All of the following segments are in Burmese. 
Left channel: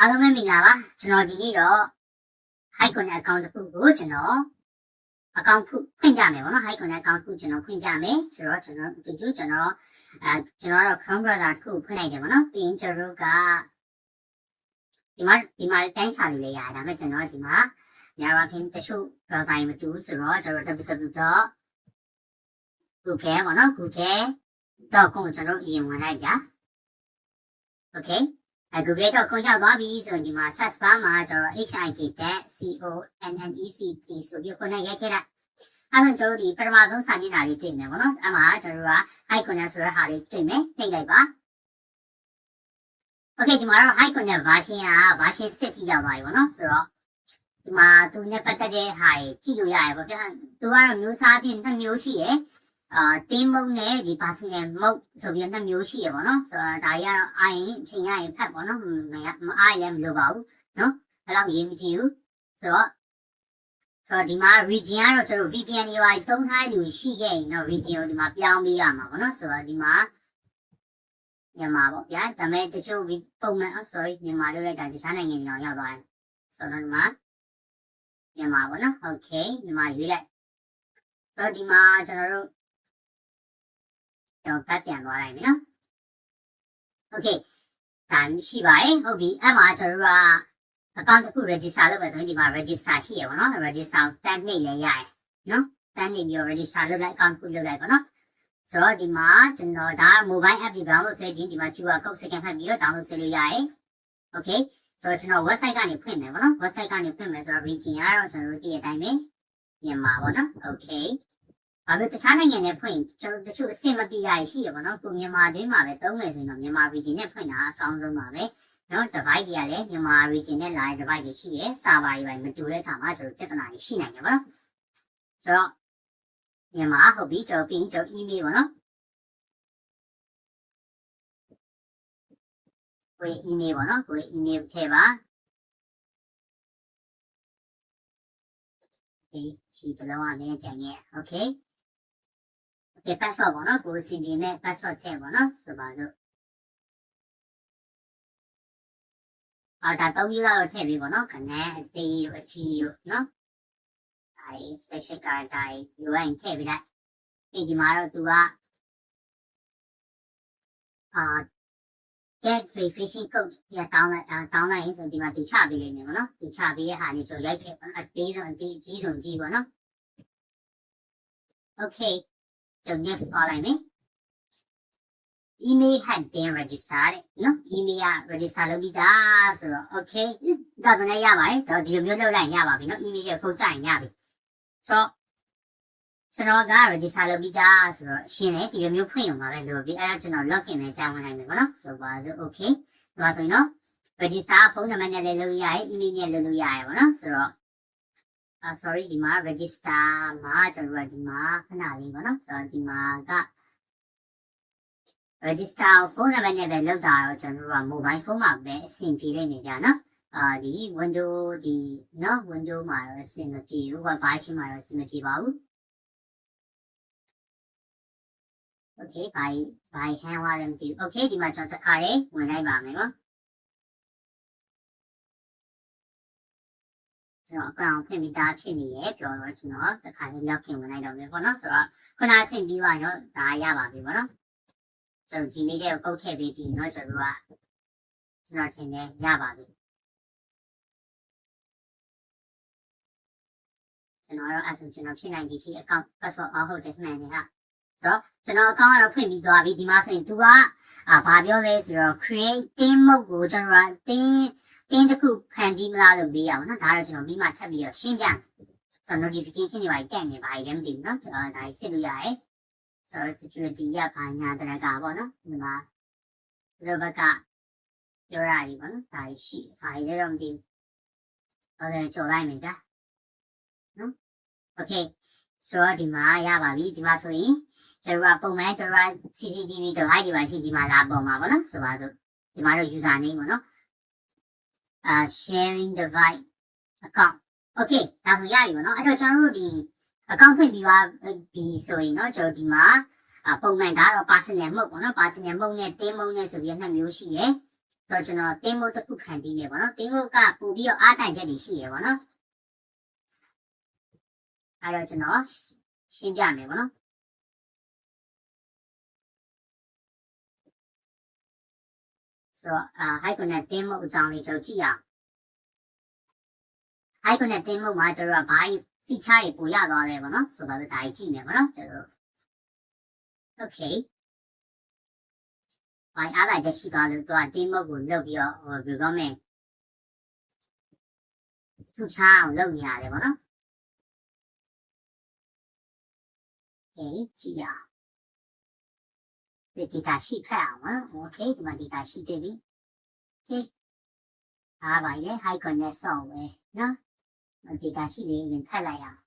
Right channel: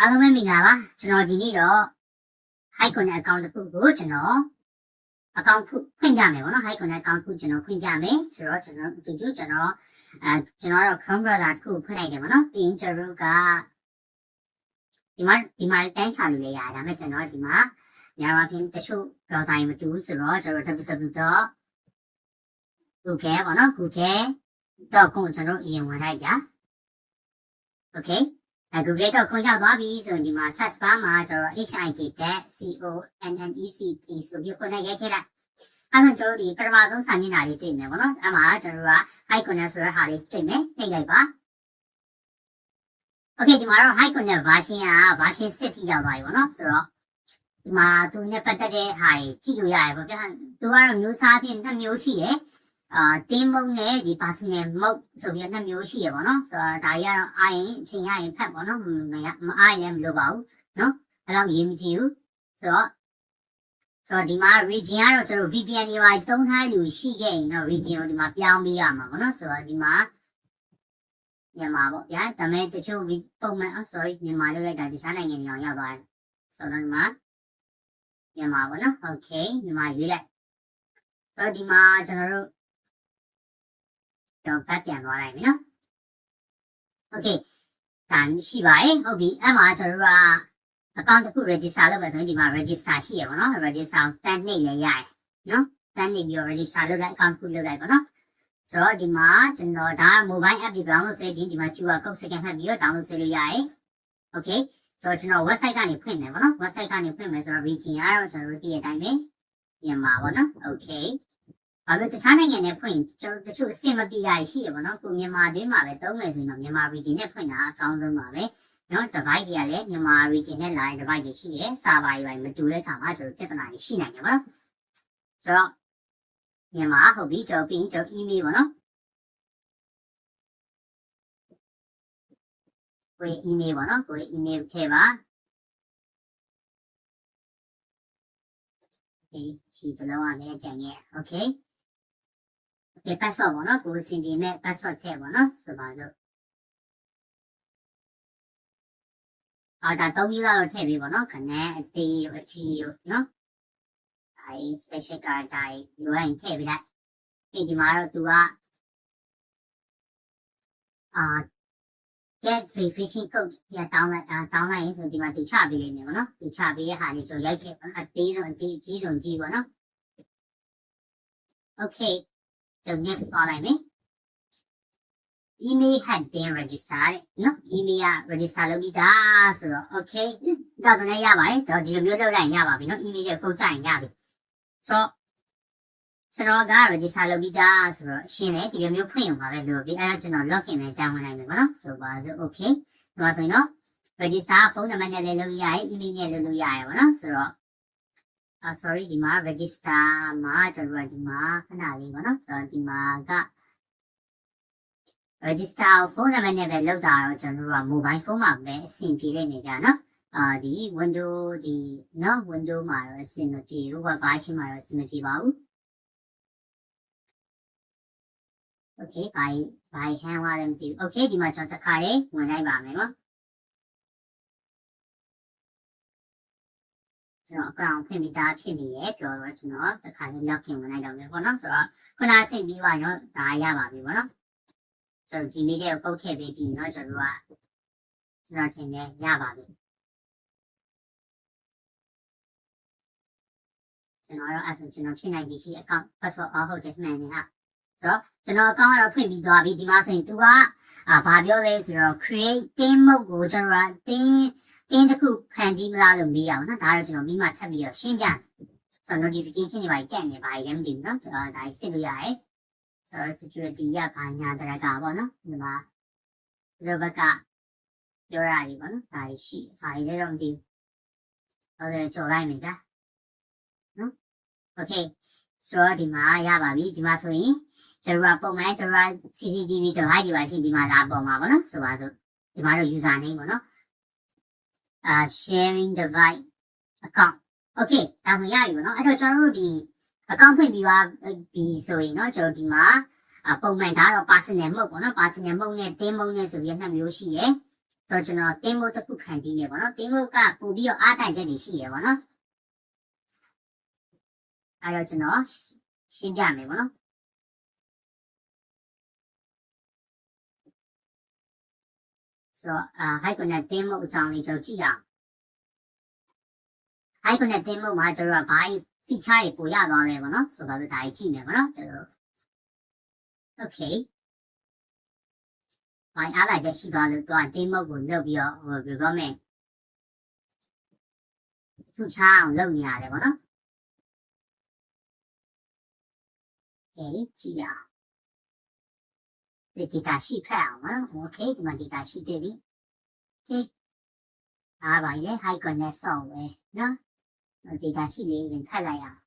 အားလုံးပဲမင်္ဂလာပါကျွန်တော်ဒီနေ့တော့ Hicon account တစ်ခုကိုကျွန်တော် account ဖွင့်ပြမယ်ပေါ့နော် Hicon account ကိုကျွန်တော်ဖွင့်ပြမယ်ဆိုတော့ကျွန်တော်ကျွန်တော်တော့ Chrome browser တစ်ခုဖွင့်လိုက်တယ်ပေါ့နော်ပြီးရင်ကျွန်တော်ကဒီမှာတိုင်းချာလို့လည်းရတယ်ဒါပေမဲ့ကျွန်တော်ဒီမှာများပါဖြင့်တချို့ browser မတူဘူးဆိုတော့ကျွန်တော် www.google ပေါ့နော် google.com ကိုကျွန်တော်အရင်ဝင်လိုက်ကြ okay google.com ရောက်သွားပြီဆိုရင်ဒီမှာ search bar မှာကျွန်တော် HIT.CONNECT ဆိုပြီးခုနရိုက်ခဲ့လိုက်အဲ့ဒါကျွန်တော်ဒီပထမဆုံးစာမျက်နှာလေးတွေ့မယ်ပေါ့နော်အဲ့မှာကျွန်တော်က Hicon ဆိုတဲ့ဟာလေးတွေ့မယ်နှိပ်လိုက်ပါ okay ဒီမှာတော့ Hicon version က version 6ထိရောက်သွားပြီပေါ့နော်ဆိုတော့ဒီမှာသူနဲ့ပတ်သက်တဲ့ဟာကြီးကြည့်လို့ရတယ်ပေါ့ဗျာသူကတော့မျိုးစားဖြင့်2မျိုးရှိတယ်team mode နဲ့ဒီ personal mode ဆိုပြီး2မျိုးရှိရပါတော့ဆိုတော့ဒါကြီးကတော့အားရင်အချိန်ရရင်ဖတ်ပေါ့နော်မအားရင်မလုပ်ပါဘူးနော်အဲ့တော့ရေးမကြည့်ဘူးဆိုတော့ဒီမှာ region ကတော့ကျွန်တော် VPN တွေပါသုံးထားလူရှိခဲ့ရင်တော့ region ကိုဒီမှာပြောင်းပေးရမှာပေါ့နော်ဆိုတော့ဒီမှာမြန်မာပေါ့ဗျာဒါပေမဲ့တချို့ပုံမှန်sorry မြန်မာလို့လိုက်တာဒီစားနိုင်ငံကြောင်ရောက်သွားတယ်ဆိုတော့ဒီမှာမြန်မာပေါ့နော် okay မြန်မာရွေးလိုက်ဆိုတော့ဒီမှာကျွန်တော်တို့ပတ်ပြန်သွားလိုက်ပြီနော် okay ဒါရှိပါတယ်ဟုတ်ပြီအဲ့မှာကျွန်တော်တို့က account တစ်ခု register လုပ်မယ်ဆိုရင်ဒီမှာ register ရှိရပါတော့ register တန်းနှိပ်လည်းရတယ်နော်တန်းနှိပ်ပြီး register လုပ်လိုက် account တစ်ခုလုပ်လိုက်ပါနော်ဆိုတော့ဒီမှာကျွန်တော်ဒါ mobile app ဒီ download ဆွဲခြင်းဒီမှာ QR code scan ဖတ်ပြီးတော့ download ဆွဲလို့ရတယ် okay ဆိုတော့ကျွန်တော် website ကနေဖွင့်မယ်ပေါ့နော် website ကနေဖွင့်မယ်ဆိုတော့ region ကတော့ကျွန်တော်တို့တည့်ရတိုင်းပဲမြန်မာပေါ့နော် okayဘာလို့တခြားနိုင်ငံနဲ့ဖွင့်ကျွန်တော်တချို့အဆင်မပြေရရှိရပါတော့ကိုမြန်မာတွင်းမှာပဲသုံးမယ်ဆိုရင်တော့မြန်မာ region နဲ့ဖွင့်တာအကောင်းဆုံးပါပဲเนาะ device တွေကလည်းမြန်မာ region နဲ့ line device တွေရှိရဲ server တွေမတူတဲ့အခါမှာကျွန်တော်ပြဿနာတွေရှိနိုင်တယ်ပေါ့နော်ဆိုတော့မြန်မာဟုတ်ပြီကျွန်တော်ပြီးကျွန်တော် email ပေါ့နော်ကို email ပေါ့နော်ကို email ထည့်ပါဒီချီတလုံးအမြဲကြံရဲ့ okay password ပေါ့နော်ကိုစင်ဒီမဲ့ password ထည့်ပေါ့နော်ဆိုပါတော့ဒါ3မျိုးတော့ထည့်ပြီးပေါ့နော်ခဏအသေးရောအကြီးရောနော်အဲ special card တိုင်းလိုရင်ထည့်ပြီးလိုက်ဒီမှာတော့သူကget verification code ရတောင်းလိုက်ရင်ဆိုဒီမှာသူချပေးလိမ့်မယ်ပေါ့နော်သူချပေးတဲ့ဟာကြီးဆိုရိုက်ချက်အသေးဆုံးအကြီးဆုံးကြီးပေါ့နော် okay so next ပါလိုက်မယ် email had been registered နော် email က register လုပ်ပြီးသားဆိုတော့ okay ဒါဆိုလည်းရပါတယ်တော့ဒီလိုမျိုးလုပ်လိုက်ရပါပြီနော် email ကိုပို့ကြရင်ရပြီဆိုတော့ကျွန်တော်က register လုပ်ပြီးသားဆိုတော့ရှင်းတယ်ဒီလိုမျိုးဖွင့်ရုံပါပဲလို့ပြီးအဲဒါကျွန်တော် login ပဲတောင်းဝင်လိုက်မယ်ပေါ့နော်ဆိုပါစို့ okay ဒီမှာဆိုရင်တော့ register ဖုန်းနံပါတ်နဲ့လည်းလုပ်ရရတယ် email နဲ့လည်းလုပ်ရရတယ်ပေါ့နော်ဆိုတော့sorry ဒီမှာ register မှာကျွန်တော်ဒီမှာခဏလေးပေါ့နော်ဆိုတော့ဒီမှာကregister ဖုန်းနံပါတ်နဲ့ပဲလောက်တာတော့ကျွန်တော်တို့က mobile phone မှာပဲအဆင်ပြေလိုက်နေကြနော်ဒီ window ဒီနော် window မှာတော့အဆင်မပြေဘူး version မှာတော့အဆင်မပြေပါဘူး okay by hand ဝါလည်းမသိဘူး okay ဒီမှာကျွန်တော်တစ်ခါလေးဝင်လိုက်ပါမယ်နော်ကျွန်တော်အကောင်ဖွင့်ပြီးသားဖြစ်နေရဲ့ပြောတော့ကျွန်တော်တစ်ခါလေး login ဝင်လိုက်တော့မယ်ပေါ့နော်ဆိုတော့ခုနအဆင်ပြီးပါရောဒါရပါပြီပေါ့နော်ကျွန်တော် Gmail ကိုပုတ်ထည့်ပေးပြီးเนาะကျွန်တော်ချင်းနဲ့ရပါပြီကျွန်တော်တော့အဲ့ဆိုကျွန်တော်ဖြစ်နိုင်ဒီရှိ account password ဟုတ်တယ်မှန်တယ်ဟာဆိုတော့ကျွန်တော် account ကတော့ဖွင့်ပြီးသွားပြီဒီမှာဆိုရင်သူကဘာပြောလဲဆိုတော့ create team mode ကိုကျွန်တော် team တစ်ခုဖန်တီးမလားလို့မေးရအောင်เนาะဒါတော့ကျွန်တော်မိမထပ်ပြီးတော့ရှင်းပြမယ်ဆိုတော့ notification တွေပါကြက်နေပါရင်လည်းမသိဘူးเนาะကျွန်တော်ဒါစစ်လို့ရတယ်ဆိုတော့ security ရပါညာတရကပေါ့နော်ဒီမှာဒီလိုဘက်ကပြောရတယ်ပေါ့နော်ဒါရှိစာရေးတော့မသိဘူးဟုတ်တယ်ကြော်လိုက်မယ်ကြာနော် okay ဆိုတော့ဒီမှာရပါပြီဒီမှာဆိုရင်ကျွန်တော်ပုံမှန်ကျွန်တော် CCTV တော့ high ဒီပါရှိဒီမှာလာပေါ်မှာပေါ့နော်ဆိုပါစို့ဒီမှာတော့ user name ပေါ့နော်sharing device account okay ဒါဆိုရပြီပေါ့နော်အဲ့တော့ကျွန်တော်တို့ဒီaccount ဖွင့်ပြီးပါပြီဆိုရင်เนาะကျွန်တော်ဒီမှာပုံမှန်ဒါတော့ personal mode ပေါ့နော် personal mode နဲ့ team mode နဲ့ဆိုပြီး2မျိုးရှိရယ် ဆိုတော့ကျွန်တော် demo တစ်ခုခံပြီးနေပါတော့ demo ကပို့ပြီးတော့အားတိုင်ချက်တွေရှိရပါတော့အဲ့တော့ကျွန်တော်ရှင်းပြမယ်ပါနော်ဆိုတော့Hibernate demo အကြောင်းလေးကျွန်တော်ကြည့်ရအောင် Hibernate demo မှာကျွန်တော်ကဘာ feature တွေပို့ရသွားလဲပါနော်ဆိုတော့ဒါကြီးကြည့်မယ်ပါနော်ကျွန်တော် okay ဘာအားလိုက်ချက်ရှိသွားလို့သူက demo ကိုလုပ်ပြီးတော့ဘယ်လိုမလဲသူချအောင်လုပ်နေရတယ်ပါနော်ကြည့်ရအောင်ဒီ data sheet ဖတ်အောင်နော် okay ဒီမှာ data sheet တွေ့ပြီ okay အားပါလေ Hibernate ဆော့ပဲနော် data sheet လေးရင်ဖတ်လိုက်ရအောင်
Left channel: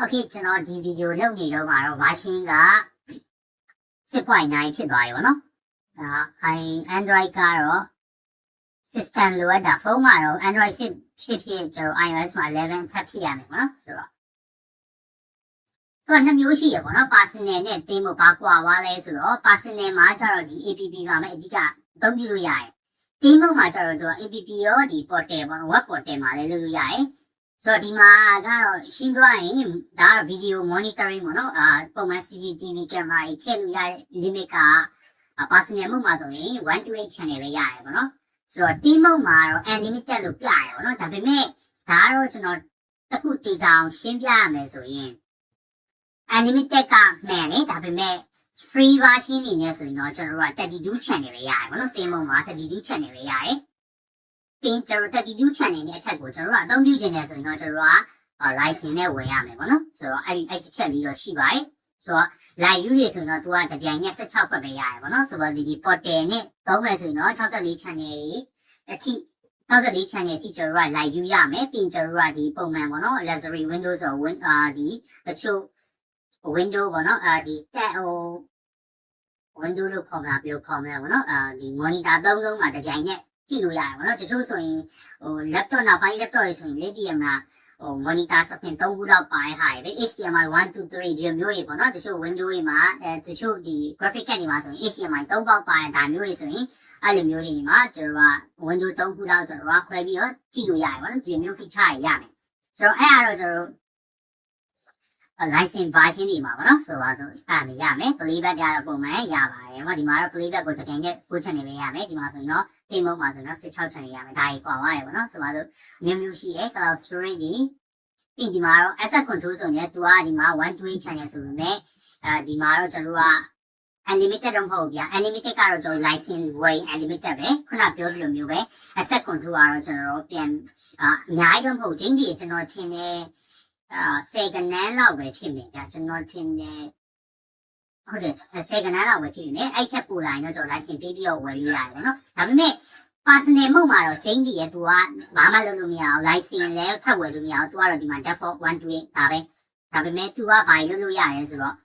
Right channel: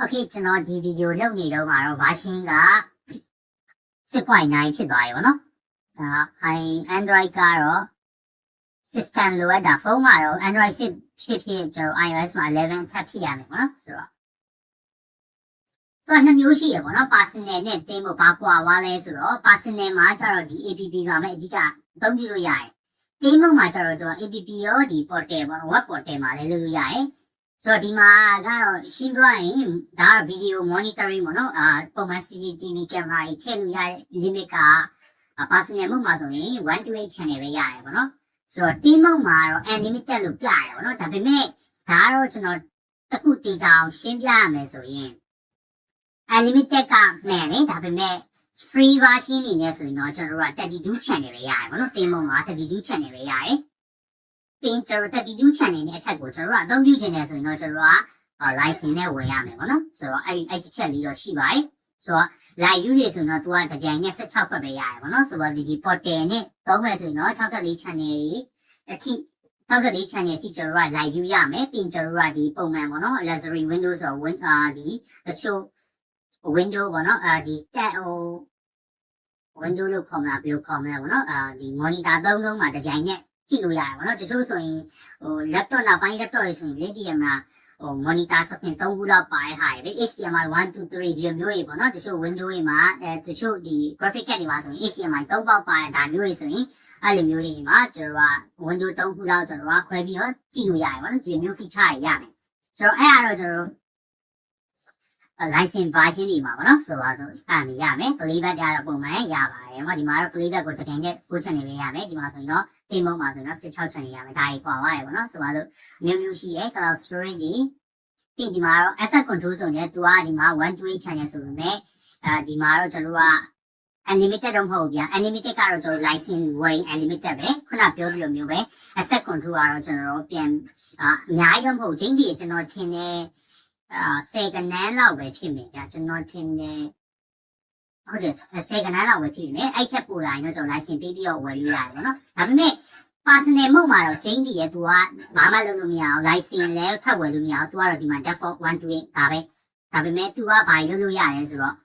okay ကျွန်တော်ဒီဗီဒီယိုလုပ်နေတော့ကတော့ version က 6.9 ဖြစ်သွားပြီပေါ့နော်ဒါ Android ကတော့ system လိုအပ်တာဖုန်းကတော့ Android 6ဖြစ်ကျွန်တော် iOS မှာ11ထပ်ဖြစ်ရမယ်ပေါ့နော်ဆိုတော့နှစ်မျိုးရှိရပေါ့နော် personal နဲ့ demo ပါကွာသွားလဲဆိုတော့ personal မှာကျတော့ဒီ app မှာပဲအဓိကအသုံးပြုလို့ရတယ် demo မှာကျတော့ app ရောဒီ portal ပေါ့ web portal မှာလည်းလုပ်လို့ရတယ်ဆိုတော့ဒီမှာကတော့ရှင်းပြရင်ဒါက video monitoring ပေါ့နော်ပုံမှန် CCTV camera တွေထည့်လို့ရတဲ့ limit က personal မှုမှာဆိုရင်1 to 8 channel ပဲရတယ်ပေါ့နော်ဆိုတော့ team မှာတော့ unlimited လို့ပြရတယ်ပေါ့နော်ဒါပေမဲ့ဒါကတော့ကျွန်တော်တစ်ခုတည်ကြအောင်ရှင်းပြရမယ်ဆိုရင် unlimited ကမှန်တယ်ဒါပေမဲ့ free version နေနဲ့ဆိုရင်တော့ကျွန်တော်တို့က32 channel ပဲရတယ်ပေါ့နော် team မှာ32 channel ပဲရတယ်ပြီးကျွန်တော်32 channel နဲ့အထက်ကိုကျွန်တော်တို့ကအသုံးပြုခြင်းနဲ့ဆိုရင်တော့ကျွန်တော်တို့က license နဲ့ဝယ်ရမယ်ပေါ့နော်ဆိုတော့အဲ့တစ်ချက်လေးတော့ရှိပါတယ်ဆိုတော့ live view တွေဆိုရင်တော့သူကတပြိုင်နက်16ခွက်ပဲရတယ်ပေါ့နော်ဆိုတော့ဒီ portal နဲ့သုံးမယ်ဆိုရင်တော့64 channel တွေအထိ64 channel အထိကျွန်တော်တို့က live view ရမယ်ပြီးကျွန်တော်တို့ကဒီပုံမှန်ပေါ့နော် luxury window ဆိုတော့ဒီတချို့ window ပေါ့နော်ဒီတက်window လို့ခေါ်မလားဘယ်လိုခေါ်မလဲပေါ့နော်ဒီ monitor သုံးလုံးမှာတပြိုင်နက်ကြည့်လို့ရတယ်ပေါ့နော်တချို့ဆိုရင်laptop နောက်ပိုင်း laptop တွေဆိုရင်လက်တည်းမှာmonitor ဆိုရင်3ခုလောက်ပါတဲ့ဟာတွေပဲ HDMI 1 2 3ဒီမျိုးတွေပေါ့နော်တချို့ window တွေမှာတချို့ဒီ graphic card တွေမှာဆိုရင် HDMI 3ပေါက်ပါတဲ့ဒါမျိုးတွေဆိုရင်အဲ့လိုမျိုးတွေမှာကျွန်တော်က window 3ခုလောက်ကျွန်တော်ကခွဲပြီးတော့ကြည့်လို့ရတယ်ပေါ့နော်ဒီမျိုး feature တွေရမယ်ဆိုတော့အဲ့ဒါတော့ကျွန်တော်တို့license version တွေမှာပေါ့နော်ဆိုပါဆိုအဲ့ဒါရမယ် playback ကတော့ပုံမှန်ရပါတယ်ပေါ့ဒီမှာတော့ playback ကိုတစ်ချိန်နဲ့ full channel ပဲရမယ်ဒီမှာဆိုရင်တော့ game mode မှာဆိုရင်တော့16 channel ရမယ်ဒါကြီးကွာသွားရပေါ့နော်ဆိုပါဆိုမျိုးရှိရဲ့ cloud storage တွေပြီးဒီမှာတော့ asset control ဆိုရင်သူကဒီမှာ1 to 8 channel ဆိုပေမဲ့ဒီမှာတော့ကျွန်တော်က unlimited တော့မဟုတ်ဘူးဗျာ unlimited ကတော့ကျွန်တော် license ဝယ် unlimited ပဲခုနပြောသလိုမျိုးပဲ asset control ကတော့ကျွန်တော်ပြန်အများကြီးတော့မဟုတ်ချင်းဒီကျွန်တော်ထင်တယ်10ကနန်းလောက်ပဲဖြစ်မယ်ဗျာကျွန်တော်ထင်တယ်ဟုတ်တယ်10ကနန်းလောက်ပဲဖြစ်နေအဲ့ချက်ပို့လာရင်တော့ကျွန်တော် license ပေးပြီးတော့ဝယ်လို့ရတယ်နော်ဒါပေမဲ့ personal မုံမှာတော့ချင်းဒီရဲ့သူကဘာမှလုပ်လို့မရအောင် license လည်းထပ်ဝယ်လို့မရအောင်သူကတော့ဒီမှာ default 1 to 8ဒါပဲဒါပေမဲ့သူကဘာလုပ်လို့ရတယ်ဆိုတော့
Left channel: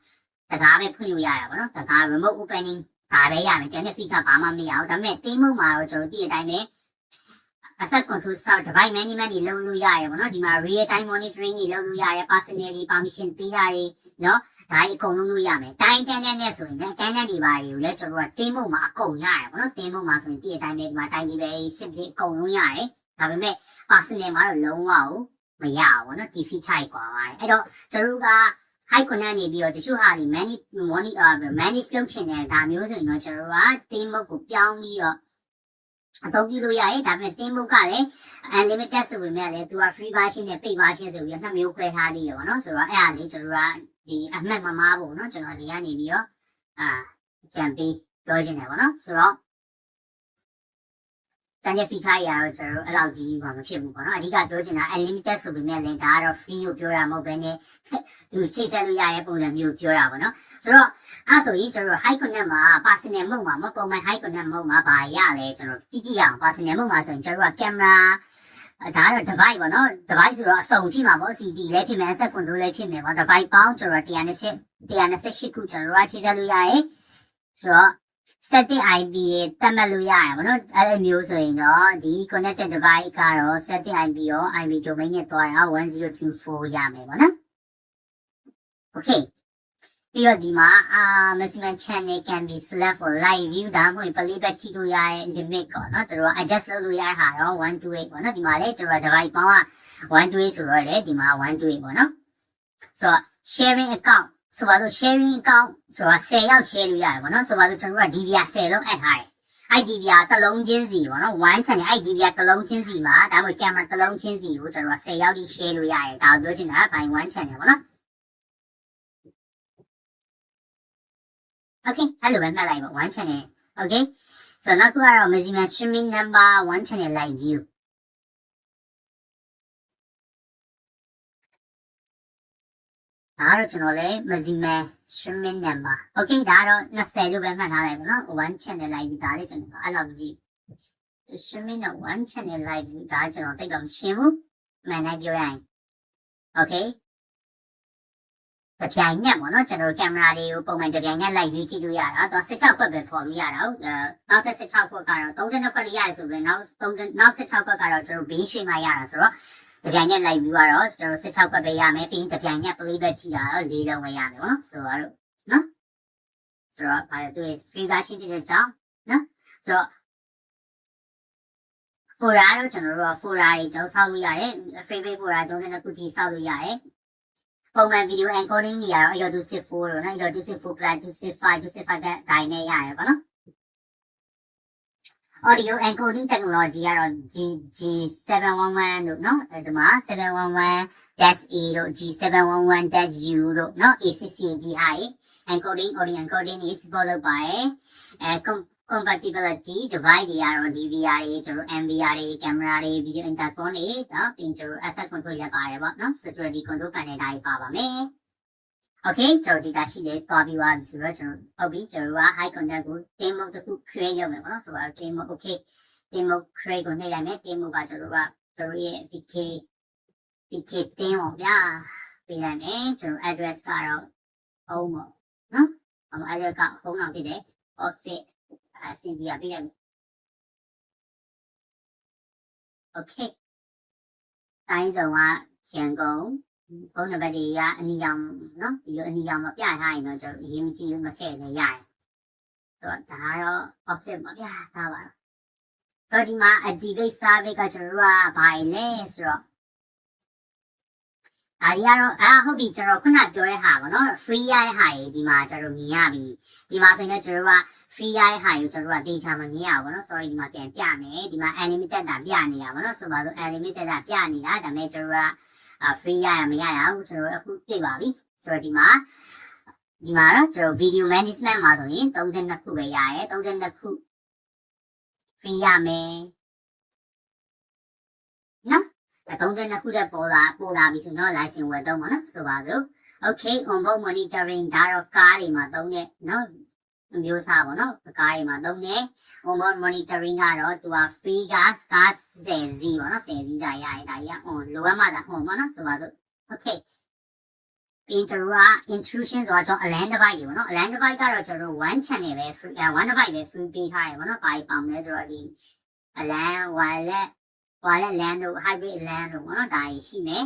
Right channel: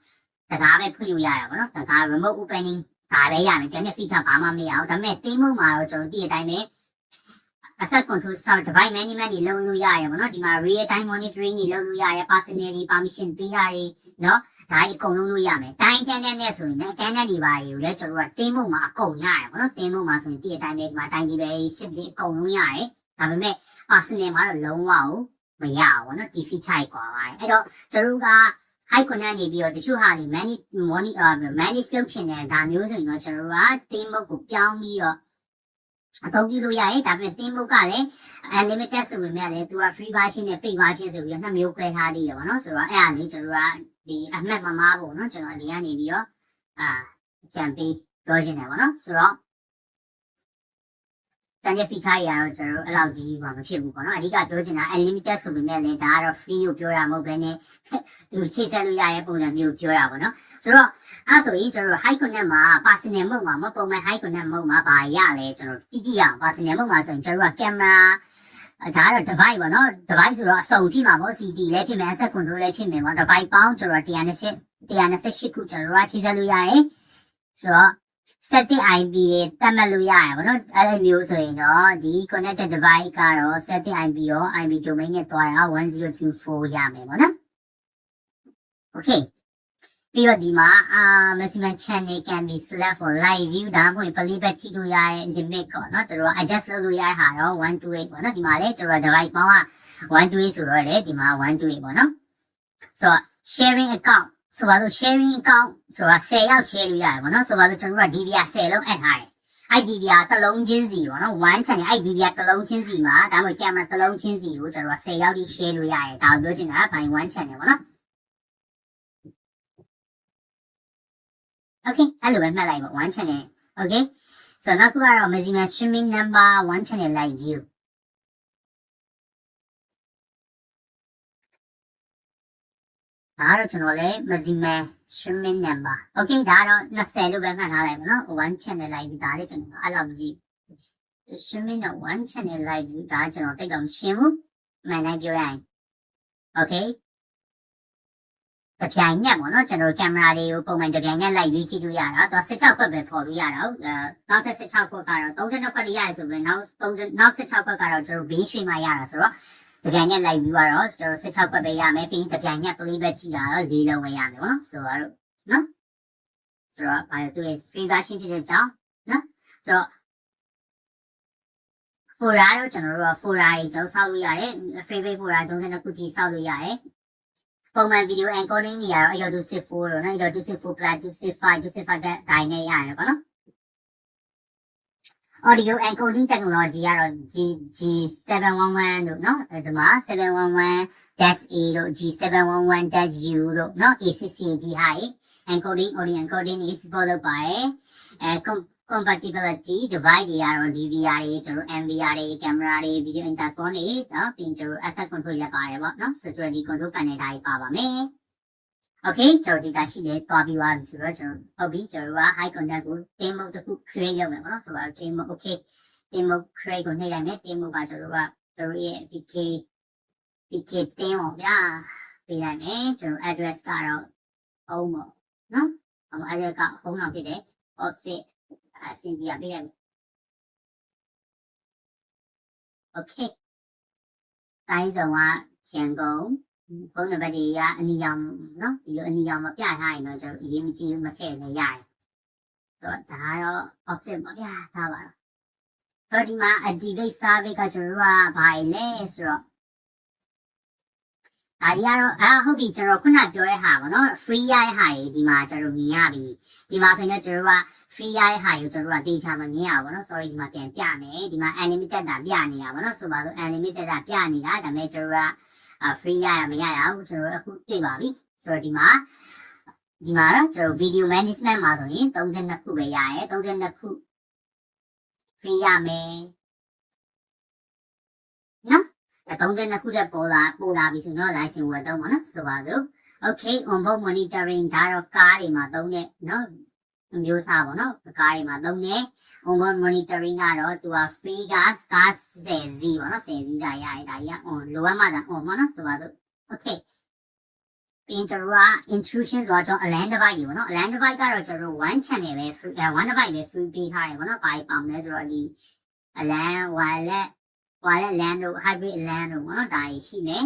တကားပဲဖွင့်လို့ရရပါတော့တကား remote opening ဒါပဲရမယ်ကျန်တဲ့ feature ဘာမှမရအောင်ဒါပေမဲ့ team မုံမှာတော့ကျွန်တော်ဒီအတိုင်းပဲasset control sub device management တွေလုပ်လို့ရတယ်ပေါ့နော်ဒီမှာ real time monitoring တွေလုပ်လို့ရတယ် personal တွေ permission ပေးရတယ်နော်ဒါကြီးအကုန်လုံးလုပ်ရမယ်တိုင်းတန်းနဲ့ဆိုရင်လည်းတန်းနဲ့ဒီပါတွေကိုလည်းကျွန်တော်တို့က team မှာအကုန်ရတယ်ပေါ့နော် team မှာဆိုရင်ဒီအတိုင်းပဲဒီမှာတိုင်းဒီပဲ ship တွေအကုန်လုံးရတယ်ဒါပေမဲ့ personal မှာတော့လုံးဝမရအောင်ပေါ့နော်ဒီ feature ကြီးကွာပါတယ်အဲ့တော့ကျွန်တော်တို့က high connect နေပြီးတော့တချို့ဟာတွေ manage လုပ်ချင်တယ်ဒါမျိုးဆိုရင်တော့ကျွန်တော်တို့က team ကိုပြောင်းပြီးတော့အသုံးပြုလို့ရတယ်ဒါပေမဲ့ team ကလည်း unlimited ဆိုပေမဲ့လည်းသူက free version နဲ့ paid version ဆိုပြီးတော့နှစ်မျိုးခွဲထားနေရပါတော့ဆိုတော့အဲ့ဒါလေးကျွန်တော်တို့ကဒီအမှတ်မမားပေါ့နော်ကျွန်တော်ဒီကနေပြီးတော့ကြံပေးပြောချင်တယ်ပေါ့နော်ဆိုတော့တန်တဲ့ feature တွေကတော့ကျွန်တော်တို့အဲ့လောက်ကြီးမှမဖြစ်ဘူးပေါ့နော်အဓိကပြောချင်တာ unlimited ဆိုပေမဲ့လည်းဒါကတော့ free ကိုပြောတာမဟုတ်ဘဲနဲ့သူချိတ်ဆက်လို့ရတဲ့ပုံစံမျိုးပြောတာပေါ့နော်ဆိုတော့အဲ့ဆိုရင်ကျွန်တော်တို့ high connect မှာ personal mode မှာမပုံမှန် high connect mode မှာဘာရလဲကျွန်တော်ကြည့်အောင် personal mode မှာဆိုရင်ကျွန်တော်တို့က camera ဒါကတော့ device ပေါ့နော် device ဆိုတော့အစုံဖြစ်မှာပေါ့ CD လည်းဖြစ်မယ် asset control လည်းဖြစ်မယ်ပေါ့ device ပေါင်းကျွန်တော်128ခုကျွန်တော်တို့ကချိတ်ဆက်လို့ရတယ်ဆိုတော့static IP တတ်မှတ်လို့ရတယ်ဗောနော်အဲ့လိုမျိုးဆိုရင်တော့ဒီ connected device ကတော့ static IP ရော IP domain နဲ့တွားရင်1024ရမယ်ဗောနော် okay ပြီးတော့ဒီမှာ maximum channel can be select for live view ဒါမှမဟုတ် playback ကြည့်လို့ရတဲ့ limit ပေါ့နော်ကျွန်တော် adjust လုပ်လို့ရတဲ့ဟာတော့128ပေါ့နော်ဒီမှာလည်းကျွန်တော် device ပေါင်းက128ဆိုတော့လေဒီမှာ128ပေါ့နော်ဆိုတော့ sharing account ဆိုတော့ sharing account ဆိုတာ10ယောက် share လို့ရတယ်ပေါ့နော်ဆိုတော့ကျွန်တော်က DVR 10လုံးအပ်ထားတယ်အဲ့ DVR တစ်လုံးချင်းစီပေါ့နော်1 channel အဲ့ DVR တစ်လုံးချင်းစီမှာဒါမှမဟုတ် camera တစ်လုံးချင်းစီကိုကျွန်တော်က10ယောက်ထိ share လို့ရတယ်ဒါကိုပြောချင်တာ by 1 channel ပေါ့နော်Okay, hello, I'm not like one channel. Okay, so now we are maximum streaming number 1 channel live view. Đó channel này maximum streaming number. Okay, đó nó sẽ lưu bên này lại nó 1 channel live view đó đấy channel. I love you. Streaming là 1 channel live view đó channel cái đồng siêu mà này biểu này. Okay. တပြိုင်နက်ပေါ့နော်ကျွန်တော်ကင်မရာလေးကိုပုံမှန်တပြိုင်နက်လိုက်ပြီးကြည့်လို့ရတာတော့16ခွက်ပဲပေါ်လို့ရတာဟုတ်နောက်ထပ်16ခွက်ကတော့32ခွက်ရရဆိုရင်နောက်16ခွက်ကတော့ကျွန်တော်ဘေးရွှေ့မှရတာဆိုတော့တပြိုင်နက်လိုက်ပြီးတော့ကျွန်တော်16ခွက်ပဲရမယ်ပြီးတပြိုင်နက် playback ကြည့်တာတော့4လုံးပဲရမယ်ပေါ့ဆိုတော့နော်ဆိုတော့အဲ့ဒါ free version ဖြစ်တဲ့ကြောင်းနော်ဆိုတော့ folder တော့ကျွန်တော်တို့ folder ကြီးကျွန်တော်ဆောက်လို့ရတယ် favorite folder 32ခုကြီးဆောက်လို့ရတယ်ပုံမှန် video encoding တွေကတော့ 8.264 လို့နော် 8.264 plus 265 265တိုင်းနဲ့ရတယ်ပေါ့နော် audio encoding technology ကတော့ G711 လို့နော်ဒီမှာ 711-A လို့ G711-U လို့နော် A6CAD ဟာရေ encoding audio encoding is supported by compatibility device တွေကတော့ DVR တွေကျွန်တော် MVR တွေ camera တွေ video intercom တွေနော်ပြီးကျွန်တော် asset control ရပါတယ်ပေါ့နော် security control panel တွေပါပါမယ် Okay ကျွန်တော်ဒီကရှိနေသွားပြီးသွားပြီဆိုတော့ကျွန်တော်ဟုတ်ပြီကျွန်တော်က high contact ကို team mode တစ်ခု create လုပ်မယ်ပေါ့နော်ဆိုတော့ team mode okay team mode create ကိုနှိပ်လိုက်မယ် team mode ကကျွန်တော်ရဲ့ PK team ပေါ့ဗျာပေးလိုက်မယ်ကျွန်တော် address ကတော့ home ပေါ့နော် address က home တော့ဖြစ်တယ် office အဆင်ပြေပေးရမယ် Okay တိုင်းစုံကရန်ကုန်ဖုန်းနံပါတ်တွေကအနီရောင်နော်ဒီလိုအနီရောင်မပြထားရင်တော့ကျွန်တော်အရေးမကြီးဘူးမထည့်နေရတယ်ဆိုတော့ဒါကတော့ office ပေါ့ဗျာဒါပါဆိုတော့ဒီမှာ activate service ကကျွန်တော်တို့ကဘာလဲဆိုတော့ဒါကြီးကတော့ဟုတ်ပြီကျွန်တော်ခုနပြောတဲ့ဟာပေါ့နော် free ရတဲ့ဟာကြီးဒီမှာကျွန်တော်မြင်ရပြီဒီမှာဆိုရင်ကျွန်တော်တို့က free ရတဲ့ဟာကိုကျွန်တော်တို့ကတေချာမမြင်ရဘူးနော် sorry ဒီမှာပြန်ပြမယ်ဒီမှာ unlimited တာပြနေတာပေါ့နော်ဆိုပါတော့ unlimited တာပြနေတာဒါပေမဲ့ကျွန်တော်ကfree ရမရရဘူးကျွန်တော်အခုတွေ့ပါပြီဆိုတော့ဒီမှာတော့ကျွန်တော် video management မှာဆိုရင်32ခုပဲရရဲ32ခု free ရမယ်နော်32ခုတက်ပေါ်လာပြီဆိုတော့ license ဝယ်တော့မှာနော်ဆိုပါစို့ okay onboard monitoring ဒါတော့ကားတွေမှာသုံးတဲ့နော်မျိုးစားပေါ့နော်ကားတွေမှာသုံးတဲ့ onboard monitoring ကတော့သူက free က star 10 Z ပေါ့နော်10 Z ဒါရရဒါကြီး on လိုအပ်မှသာ on ပေါ့နော်ဆိုပါစို့ okay ပြီးကျွန်တော်က intrusion ဆိုတော့ကျွန်တော် alarm device ပေါ့နော် alarm device ကတော့ကျွန်တော်1 channel ပဲ free 1 device ပဲ free ပေးထားတယ်ပေါ့နော်ဘာကြီးပေါင်လဲဆိုတော့ဒီ alarm wireless land တို့ hybrid land တို့ပေါ့နော်ဒါကြီးရှိမယ်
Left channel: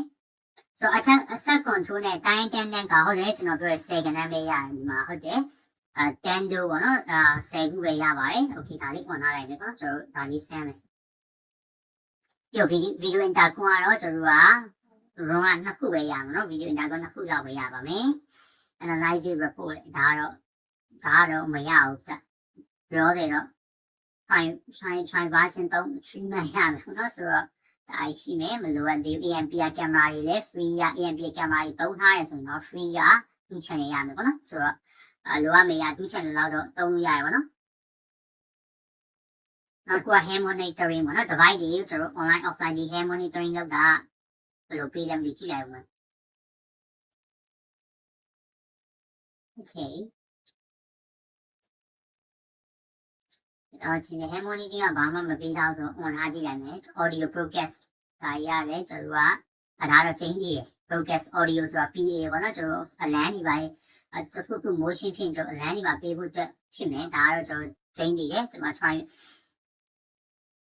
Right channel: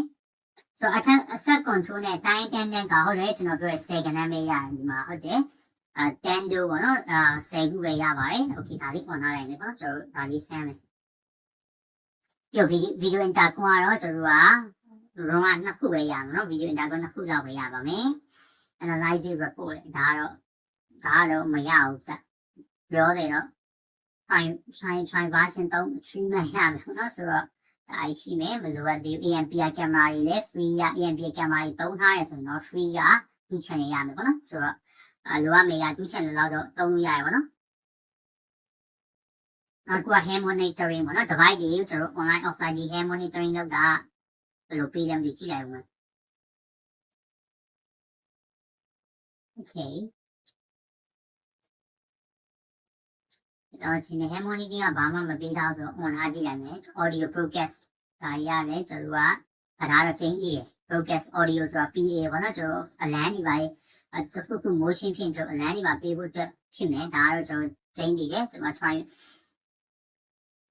ဆိုတော့ asset control နဲ့တိုင်းတန်းကဟုတ်တယ်ကျွန်တော်ပြောတဲ့10ကဏ္ဍပဲရတယ်ဒီမှာဟုတ်တယ်10တို့ပေါ့နော်10ခုပဲရပါတယ် okay ဒါလေး on ထားလိုက်မယ်ပေါ့ကျွန်တော်ဒါလေးဆန်းမယ်ပြီးတော့ video intercom ကတော့ကျွန်တော်က run က2ခုပဲရမှာနော် video intercom 2ခုလောက်ပဲရပါမယ် analyze report ဒါကတော့မရဘူးကြပြောတယ်တော့ try version 3 treatment ရမယ်နော်ဆိုတော့ဒါရှိမယ်မလိုအပ်ဘူး AMPR camera တွေလည်း free ရ AMPR camera တွေသုံးထားရဆိုရင်တော့ free က2 channel ရမယ်ပေါ့နော်ဆိုတော့လိုအပ်မေးရ2 channel လောက်တော့သုံးလို့ရတယ်ပေါ့နော်နောက်က hand monitoring ပေါ့နော် device တွေကျွန်တော် online offline တွေ hand monitoring လုပ်တာဘယ်လိုပေးလဲကြည့်လိုက်ဦးမယ် okay ဒီနေ့ hand monitoring ကဘာမှမပေးထားဆို on ထားကြည့်လိုက်မယ် audio broadcast ဒါရရတယ်ကျွန်တော်ကဒါတော့ change ကြီး broadcast audio ဆိုတာ PA ပေါ့နော်ကျွန်တော် alarm တွေပါခု motion ဖြစ်ကျွန်တော် alarm တွေပါပေးဖို့အတွက်ဖြစ်မယ်ဒါကတော့ကျွန်တော် change ကြီးတယ်ကျွန်တော် try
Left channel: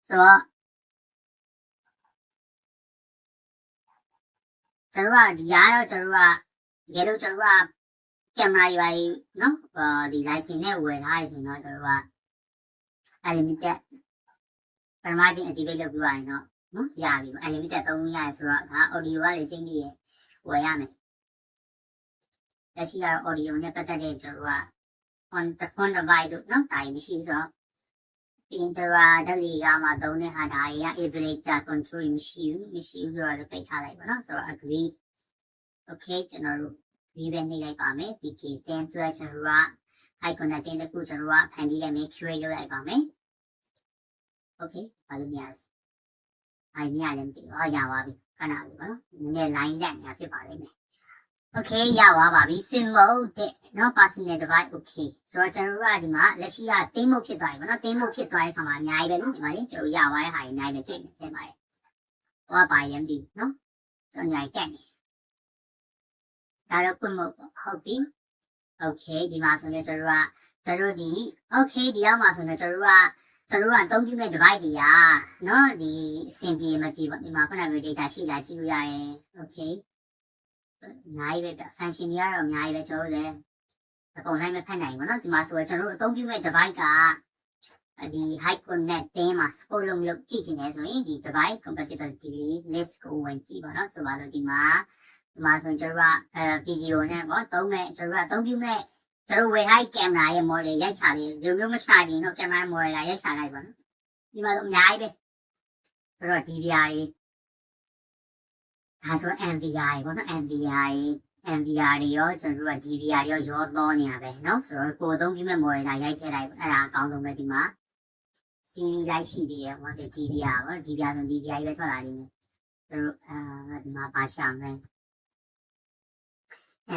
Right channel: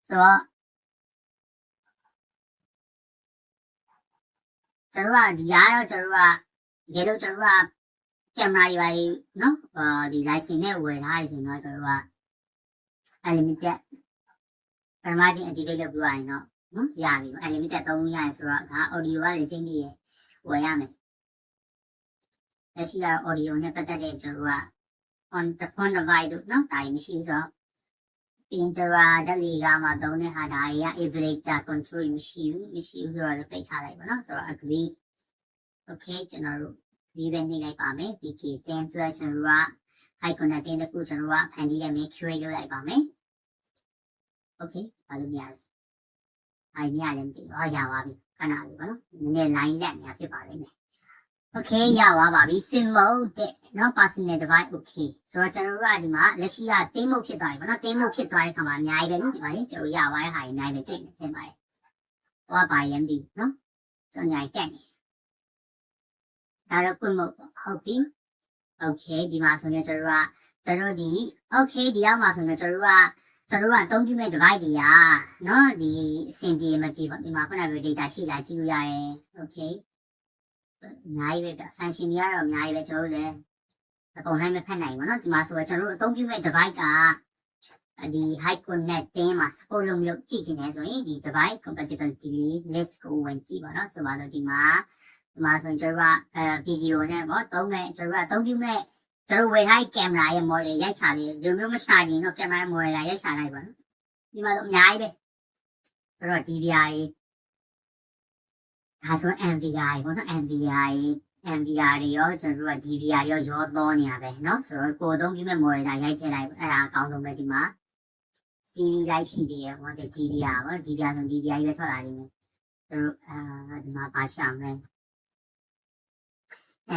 ဆိုတော့ကျွန်တော်ကဒီရတော့ကျွန်တော်ကတကယ်လို့ကျွန်တော်က camera တွေပါနော်ဒီ license နဲ့ဝယ်ထားရဆိုတော့ကျွန်တော်တို့က unlimited ပထမချင်း activate လုပ်ပြီးရင်တော့နော်ရပြီ unlimited သုံးလို့ရတယ်ဆိုတော့ဒါ audio ကလည်းချင်းပြီးဝယ်ရမယ်လက်ရှိကတော့ audio နဲ့ပတ်သက်တဲ့ကျွန်တော်တို့က on device တို့နော်ဒါကြီးမရှိဘူးဆိုတော့ Pinterest တက်လီကမှသုံးတဲ့ဟာဒါကြီးက Aviator control မရှိဘူးဆိုတော့လည်းပိတ်ထားလိုက်ပါနော်ဆိုတော့ agree okay ကျွန်တော်တို့ဒီပဲနေလိုက်ပါမယ် PK 10 12ကျွန်တော်တို့က high connecting တခုကျွန်တော်တို့ကဖန်တီးတဲ့ make sure လုပ်လိုက်ပါမယ် okay ဘာလို့မရလဲအိုင်မရလည်းမသိဘူးရပါပြီခဏလေးပါနော်နည်းနည်း line လက်နေတာဖြစ်ပါလိမ့်မယ် okay ရသွားပါပြီ swim mode တဲ့နော် personal device okay ဆိုတော့ကျွန်တော်တို့ကဒီမှာလက်ရှိကတင်းမှုဖြစ်သွားပြီပေါ့နော်တင်းမှုဖြစ်သွားတဲ့အခါမှာအများကြီးပဲနော်ဒီမှာလေကျွန်တော်ရသွားတဲ့ဟာအများကြီးပဲတွေ့နေတင်ပါတယ်ဟောပါရင်ဒီနော်ကျွန်တော်ညာတက်နေဒါတော့ quick mode ဟုတ်ပြီ okay ဒီမှာဆိုရင်ကျွန်တော်ဒီ okay ဒီရောက်မှာဆိုရင်ကျွန်တော်ကအသုံးပြုမဲ့ device တွေကနော်ဒီအဆင်ပြေမပြေပေါ့ဒီမှာခုနက data ရှိလားကြည့်လို့ရရင် okay အများကြီးပဲ function တွေကတော့အများကြီးပဲကျွန်တော်တို့လည်းအကုန်လိုက်မဖတ်နိုင်ဘူးเนาะဒီမှာဆိုတော့ကျွန်တော်တို့အသုံးပြုမဲ့ device ကဒီ high connect တင်းမှာ support လုပ်လို့ကြည့်ချင်တယ်ဆိုရင်ဒီ device compatibility list ကိုဝင်ကြည့်ပါเนาะဆိုပါတော့ဒီမှာဆိုရင်ကျွန်တော်ကvideo နဲ့ပေါ့သုံးမဲ့ကျွန်တော်ကအသုံးပြုမဲ့ကျွန်တော်ဝယ်ထားတဲ့ camera ရဲ့ model ရိုက်ချလေးဒီမျိုးမရှာရင်တော့ camera model ရိုက်ချလိုက်ပါเนาะဒီမှာတော့အများကြီးပဲဆိုတော့ DVR ဒါဆို NVR ပေါ့နော် NVR တွေရောကျွန်တော်တို့က DVR တွေရောတော့နေရပဲเนาะဆိုတော့ကိုယ်သုံးပြီးမဲ့ model ရိုက်ထည့်လိုက်အဲ့ဒါအကောင်းဆုံးပဲဒီမှာ series လိုက်ရှိသေးတယ်ဟောဒီ DVR ပေါ့ DVR ဆို DVR ပဲထွက်လာနေတယ်သူတို့ဒီမှာပါရှာမယ်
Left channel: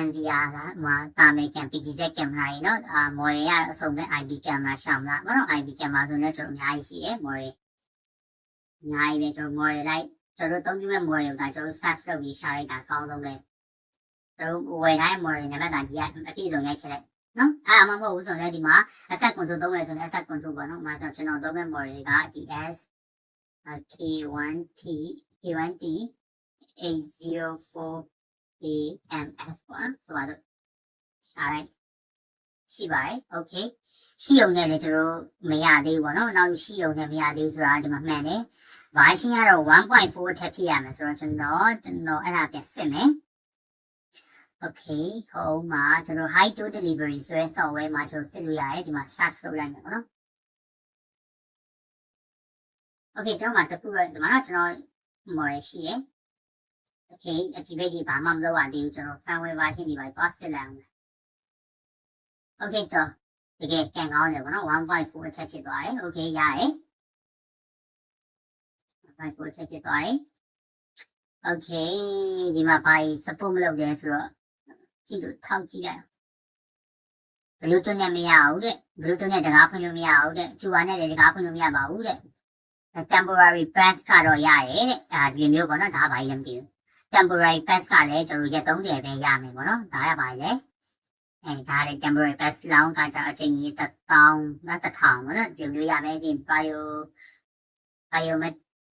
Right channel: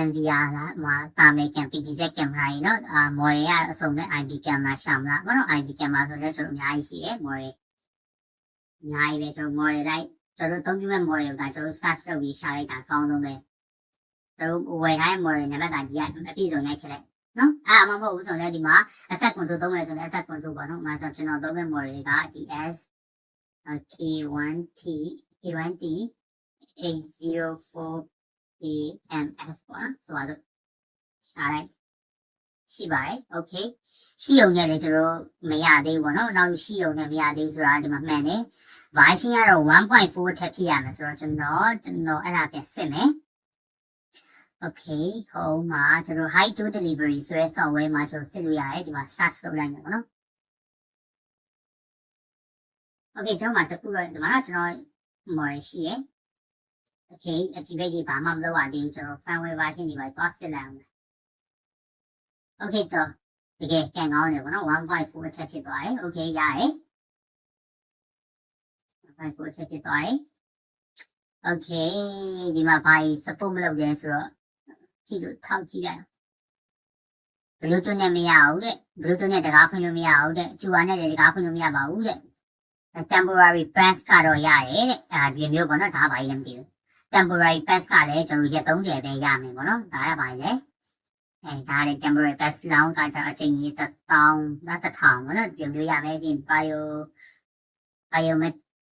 NVR ကမှာတာမယ်ကံ PTZ ကင်မရာကြီးเนาะmodel ရအစုံနဲ့ IP ကင်မရာရှာမလားဘာလို့ IP ကင်မရာဆိုတော့ကျွန်တော်အများကြီးရှိတယ် model အများကြီးပဲကျွန်တော် model လိုက်ကျွန်တော်သုံးပြမဲ့ model ကကျွန်တော် search လုပ်ပြီးရှာလိုက်တာအကောင်းဆုံးပဲကျွန်တော်ဝယ်ထားတဲ့ model နံပါတ်ကဒီကအပြည့်စုံရိုက်ထည့်လိုက်နော်အဲ့မှမဟုတ်ဘူးဆိုတော့ဒီမှာ asset control သုံးမယ်ဆိုရင် asset control ပေါ့နော်။မှာဆိုကျွန်တော်သုံးမဲ့ model က DS K1T 804AMF ပေါ့။ဆိုတော့ရှာလိုက်ရှိပါတယ်။ Okay ရှိုံနဲ့လည်းကျွန်တော်မရသေးဘူးပေါ့နော်။နောက်ရှိုံနဲ့မရသေးဘူးဆိုတာဒီမှာမှန်တယ်။ version ကတော့ 1.4 ထပ်ဖြစ်ရမယ်ဆိုတော့ကျွန်တော်အဲ့ဒါပြန်စစ်မယ်။ Okay ဟိုမှာကျွန်တော် high to delivery ဆိုတဲ့ software မှာကျွန်တော်စစ်လို့ရတယ်ဒီမှာ search လုပ်လိုက်မယ်ပေါ့နော်။ Okay ကျွန်တော်မှာတခုတော့ဒီမှာကျွန်တော် model ရှိရယ်။ Okay ဒီဘက်ကြီးဘာမှမလုပ်ရသေးဘူးကျွန်တော် firmware version ဒီမှာသွားစစ်လိုက်အောင်။ Okay ကျွန်တော်တကယ်ကန်ကောင်းတယ်ပေါ့နော် 1.4 ထပ်ဖြစ်သွားတယ် Okay ရတယ်။ 1.4 ထပ်ဖြစ်သွားတယ်။ Okay ဒီမှာဘာ support မလုပ်လဲဆိုတော့ကြည့်လို့ထောက်ကြည့်လိုက် Bluetooth နဲ့မရဘူးတဲ့ Bluetooth နဲ့တကားဖွင့်လို့မရဘူးတဲ့ ကျူပါနဲ့လည်းတကားဖွင့်လို့မရပါဘူးတဲ့ temporary pass ကတော့ရတယ်တဲ့ဒီမျိုးပေါ့နော်ဒါဘာကြီးလဲမသိဘူး temporary pass ကလည်းကျွန်တော်ရက်30ပဲရမယ်ပေါ့နော်ဒါရပါလေဒါလည်း temporary pass လောင်းကကြအချိန်ကြီး1000နော်1000ပေါ့နော်ဒီမျိုးရမယ်ဒီ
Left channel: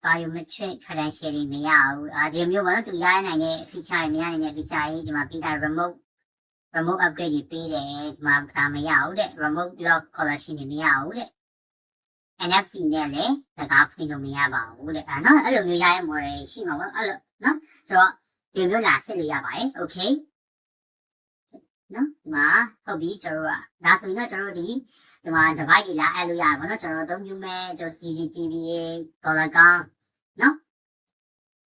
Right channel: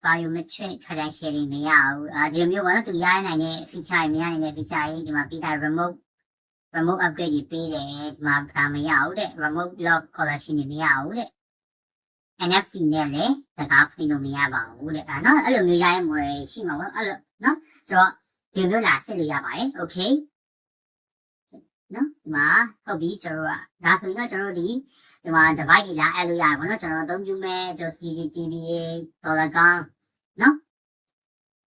biometric credential တွေမရဘူးဒီမျိုးပေါ့နော်သူရနိုင်တဲ့ feature တွေမရနိုင်တဲ့ feature ကြီးဒီမှာပြီးတာ remote upgrade တွေပေးတယ်ဒီမှာဒါမရဘူးတဲ့ remote lock collection တွေမရဘူးတဲ့ NFC နဲ့လည်းတကားဖွင့်လို့မရပါဘူးတဲ့နော်အဲ့လိုမျိုးရတဲ့ model ရှိမှာပေါ့အဲ့လိုနော်ဆိုတော့ဒီမျိုးလာစစ်လို့ရပါတယ် okay နော်ဒီမှာဟုတ်ပြီကျွန်တော်ကဒါဆိုရင်တော့ကျွန်တော်ဒီမှာ device တွေလာအဲ့လိုရတယ်ပေါ့နော်ကျွန်တော်အသုံးပြုမဲ့ကျွန်တော် CCTV ဒေါ်လာကောင်နော်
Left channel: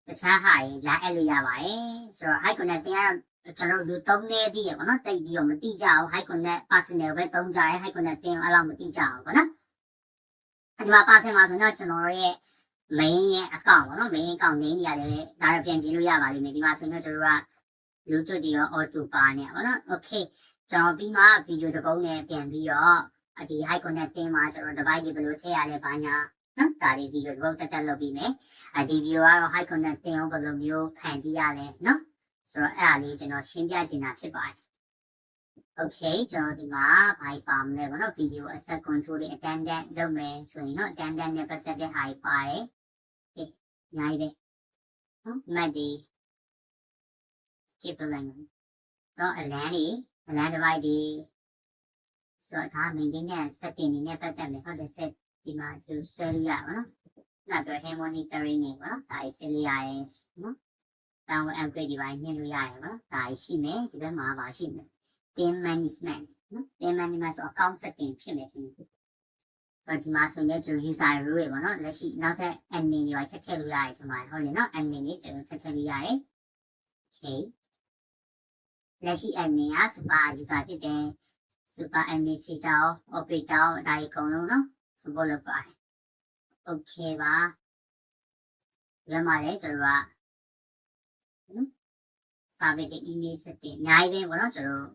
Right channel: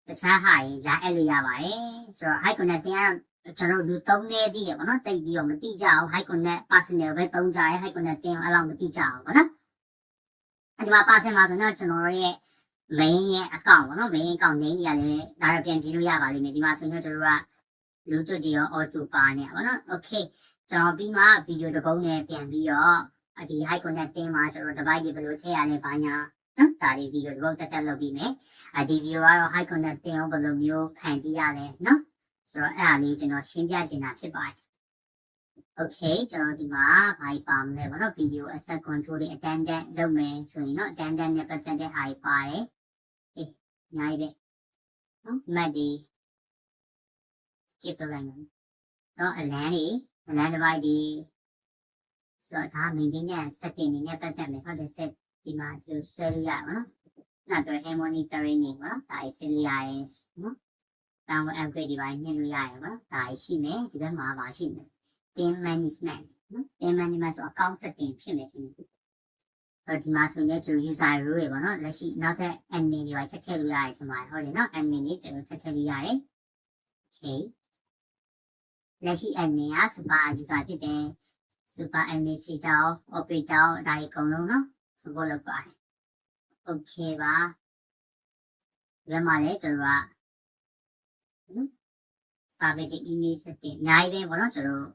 တခြားဟာတွေလာအဲ့လိုရပါတယ်ဆိုတော့ high connect တရားကျွန်တော်တို့သုံးနေပြီပေါ့နော်တိတ်ပြီးတော့မတိကြအောင် high connect personal ပဲသုံးကြရဲ high connect တင်အဲ့လောက်မတိကြအောင်ပေါ့နော်ဒီမှာ personal မှာဆိုတော့ကျွန်တော်ရဲ့ main ရဲ့ account ပေါ့နော် main account name ကြီးရတယ်ဒါတော့ပြန်ပြီးလို့ရပါလိမ့်မယ်ဒီမှာဆိုရင်ကျွန်တော်တို့က Bluetooth တွေရော auto ပါနေပါတော့ okay ကျွန်တော်ပြီးမှ video တစ်ပုဒ်နဲ့ပြန်ပြီးတော့ဒီ high connect တင်မှာကျွန်တော် device တွေဘယ်လိုထည့်ရလဲဘာညာနော်ဒါလေး video တစ်ပုဒ်တက်လုပ်ပြီးမယ်ဒီ video ကတော့ high connect တင်အောင်ဘယ်လိုမျိုးဖန်တီးရလဲနော်ဆိုတော့အဲ့ဒါလေးကျွန်တော်ရှင်းပြချင်တာဖြစ်ပါတယ် okay ကျွန်တော်ဒီမှာဘာပါမလဲပေါ့နော် video asset control တွေ attendant လုပ်မယ်ဆိုရင်တော့ attendant နဲ့ပတ်သက်တဲ့ဟာတွေပါတယ်အများကြီးပဲနော်မှတ်ဒီ skip လုပ်လိုက်မယ်တော့အလန်းတွေ land divide ဒီဆိုတော့ဒါ maintenance setting နေနဲ့ပတ်သက်မယ်ဟုတ်တယ် set ဒီမှာဒီလိုဆွဲလို့ရမှာနော်နောက်တော့ monitoring နေပါဒါအစစ်လို့ရရင်နော်တောင်း upgrade ဒီပိုင်းညှိလို့ရရမှာဒါရှိမယ်ဒီဘက်မှာပါရှိမယ် team management နော် team management ဆို account setting ဖြစ်မယ်ဒီဒီမှာဆိုရင်ကျိုး user role တွေပေါ့နော်လက်ရှိနောက်ထပ် admin တွေပါထည့်ထည့်လို့ရတယ်ဒီမှာဟုတ်တယ်နော် admin တွေကျိုးထည့်ထည့်လို့ရတယ် okay လက်ရှိ admin က super user ဖြစ်တယ် super administrator operator ဒါအကုန်လုံးနော် support လုပ်ပါတယ် okay ပါဒီမှာလည်းကျွန်တော်က service email setting အများကြီးပဲပေါ့နော်ကျွန်တော်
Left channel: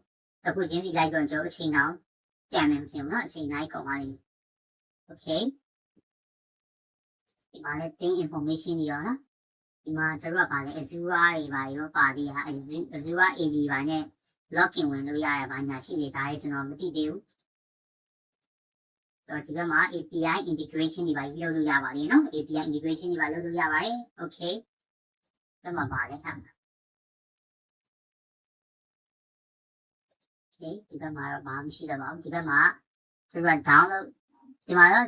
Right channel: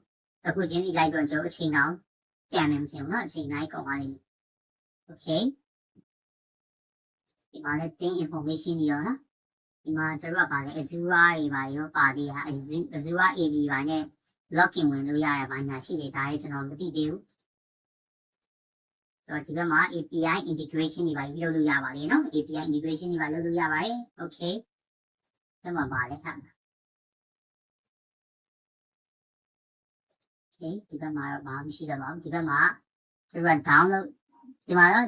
အခုချင်းစီလိုက်တော့ကျွန်တော်အချိန်တောင်ကြံနေမှမဖြစ်ဘူးနော်အချိန်တိုင်းကုန်ပါလိမ့်မယ် okay ဒီမှာလည်း thing information တွေရောနော်ဒီမှာကျွန်တော်ကပါလေ Azure တွေပါရောပါသေးတာ Azure AD ပါနဲ့ login ဝင်လို့ရရပါညာရှိတယ်ဒါလည်းကျွန်တော်မသိသေးဘူးဆိုတော့ဒီဘက်မှာ API integration တွေပါလုပ်လို့ရပါတယ်နော် API integration တွေပါလုပ်လို့ရပါတယ် okay ဒီမှာပါလေဟာ okay ဒီဘက်မှာတော့ဘာမှမရှိတော့ပါဘူးဒီဘက်မှာကျွန်တော် download ဒီမှာတော့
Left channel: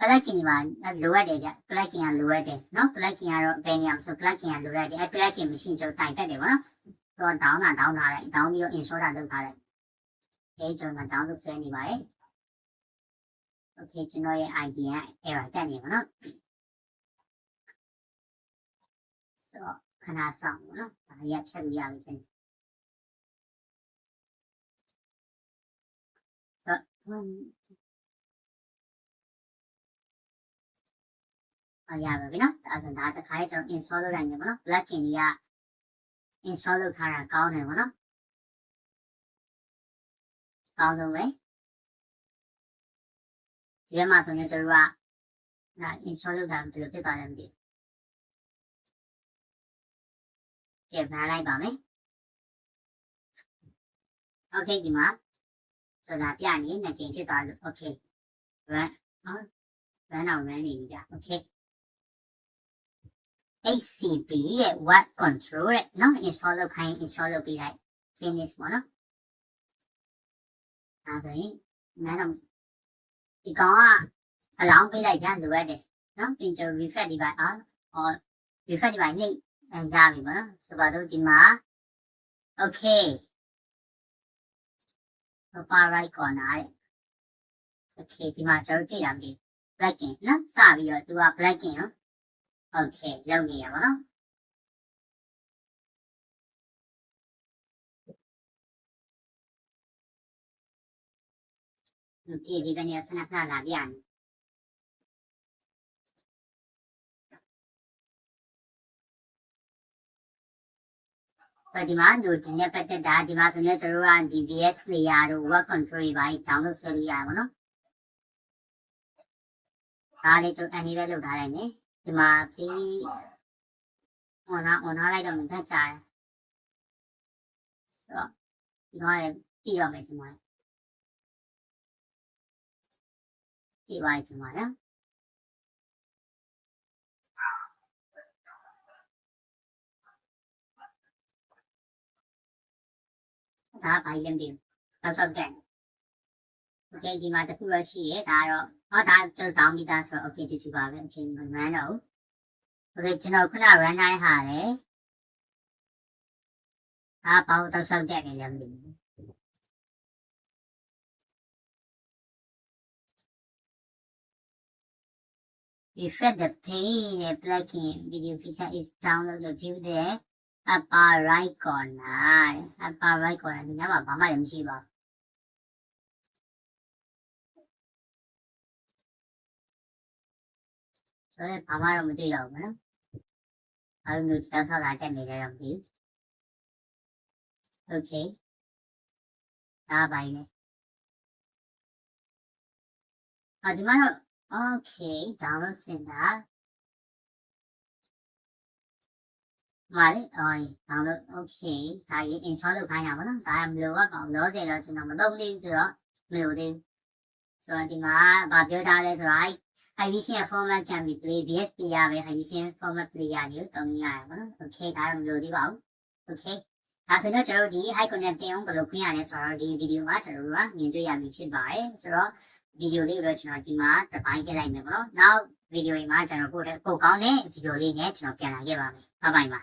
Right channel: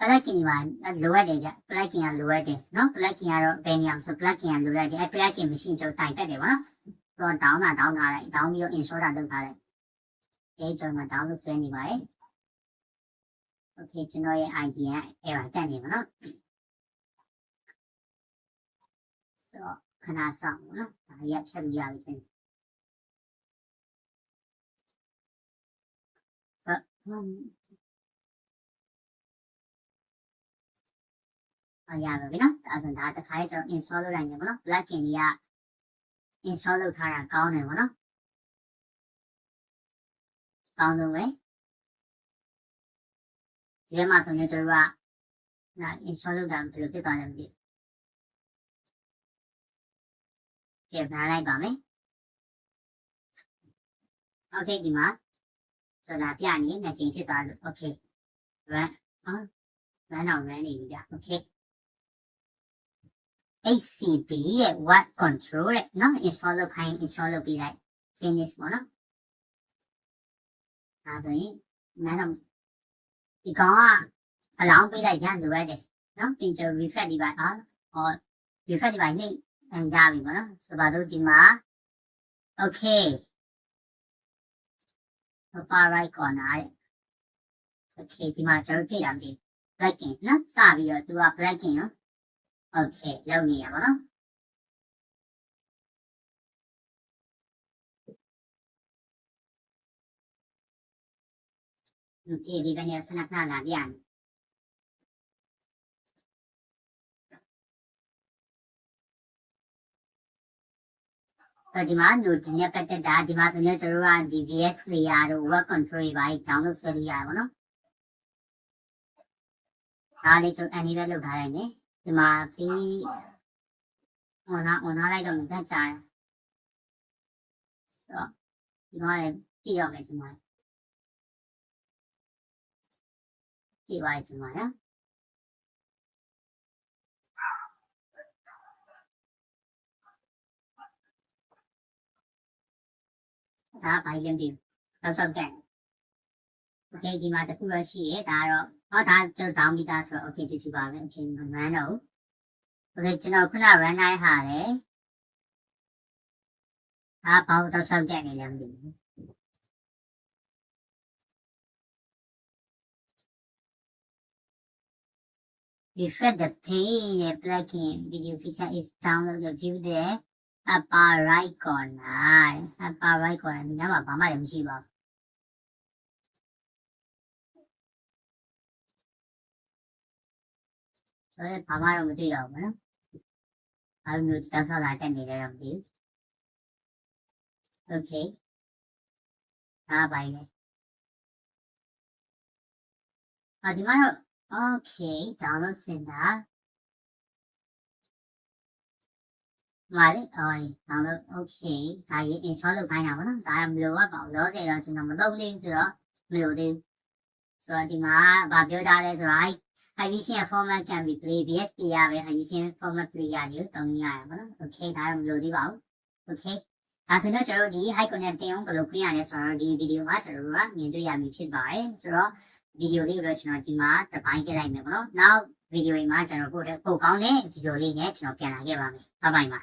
plugin တွေပါလိုအပ်တယ်ဗျ plugin ကလိုအပ်တယ်နော် plugin ကတော့ဘယ်နေရာမှာဆို plugin ကလိုအပ်တယ် plugin မရှိကျွန်တော်တိုင်တက်တယ်ပေါ့နော်ဆိုတော့ down ထားလိုက် down ပြီးတော့ install တာလုပ်ထားလိုက်ကျွန်တော် download ဆွဲနေပါတယ် okay ကျွန်တော်ရဲ့ ID က error တက်နေပါနော်ဆိုတော့ခဏစောင့်ပါနော်ဒါရဖြတ်လို့ရပြီဆိုရပါပြီနော်ဒါဆိုဒါတစ်ခါကျွန်တော် install လုပ်လိုက်မယ်ပေါ့နော် plugin တွေက install လုပ်ထားတာကောင်းတယ်ပေါ့နော်ကောင်းလို့ပဲဒီမှာဆိုရင်ကျွန်တော်က install လုပ်တာဘယ်လိုဖြစ်သွားလဲမသိဘူးကဲဘာလိုက်ပါမယ် okay ဒီမှာဆိုတာပြနေနှစ်ချိန်ဖြစ်သွားလို့ okay run run အောင် run နေပြီဗျ okay HCP ရဲ့ web control ရဲ့နော် install လုပ်ခိုင်း install လုပ်ပြီးလိုက် finish ပေါ့နော်ဒါဆိုရင်နားတော့ဒီကောင်ကအလောင်းပေးလိုက်ကြလိုရတယ်နော်ပြင်ကျ refresh ဒီပိုင်းrefresh ဒီပိုင်းနေရပြီပေါ့နော်ဆိုပါတော့ဒီမှာ okay upper right corner တဲ့ okay ဒီမှာကျွန်တော်ပြရမယ် plugin နော်စပြီးတော့သူက plugin ရော okay လောက်နေရပါတော့ဒီဒီကနေခဏလာပြရမယ်ဒီမှာ node နဲ့ပတ်သက်တာဒီမှာဆိုရင်ကျွန်တော်ကဒီ VS Player တို့ web control တွေပါ download ဆွဲလို့ရပါတော့ဒါလေးကျွန်တော် anyway လုပ်ထားလိုက်မယ်ဒီမှာပြီး on လိုက်တော့လည်းတက်ကြတယ်ဆိုတော့ဒီမှာလည်းပြီးရမယ်ဒီမှာပြီးပါဒီမှာနော်ဒါဘာလဲဒီတော့တဲ့ okay ဒီမှာတခုရရှိရဲဒါတော့ဒါကျွန်တော် down ပြီးသားဆိုတော့ okay ဒီတူပါပဲ okay မမှန်းတော့ okay ကျွန်တော်ခုန run တိုင်းဟာလေဘာလို့တော့ဆောက်ကြနေလဲမသိဘူး refresh the page plugin video feature is downloaded view the upper right corner ဒီညမှာဘာမှလည်းမရှိပါဘူးဆိုတော့ဘာမှတော့မတွေ့တော့ဘူးနော်အဲ့လိုမျိုးတက်ဆောက်လာတက်နေတယ်တော့မသိဘူး okay ဒါပိုင်းလေဒီမှာတော့ okay download center မှာလေdownload okay ဒါရေး install လုပ်ခိုင်းတာပေါ့နော်ဒါမလိုတော့ကောင်လို့ဆိုတော့ကျွန်တော်မလုပ်သေးဘူးဆိုတော့မလိုသေးဘူးဆိုတော့ဒီမှာဗာပြောထားလဲဆိုတော့ Hibistion format can be played BSP ရပဲ Hibistion format play ရတယ်တုံးရတယ်ပေါ့နော် okay ဒါမလိုသေးပါဘူး okay ဒါဆိုတော့ကျွန်တော်တို့ဒီ high connect တင်အောင်ဘယ်လိုခွင့်ရလဲဆိုတော့ဒီဗီဒီယိုမှာကျွန်တော်တို့ကမြင်တွေ့ရပြီဖြစ်ပါတယ်ဆိုတော့ဗီဒီယိုလေးကိုတော့ကျွန်တော်ဒီမှာတစ်ပိုင်းကြည့်လိုက်မယ်ပေါ့နော်နောက်ဗီဒီယိုမှာကျွန်တော်ပို့ကောင်းတဲ့ဗီဒီယိုလေးနဲ့ကျွန်တော်ပြန်လာခဲ့ပါမယ်ဘိုင်ဘိုင်ပါ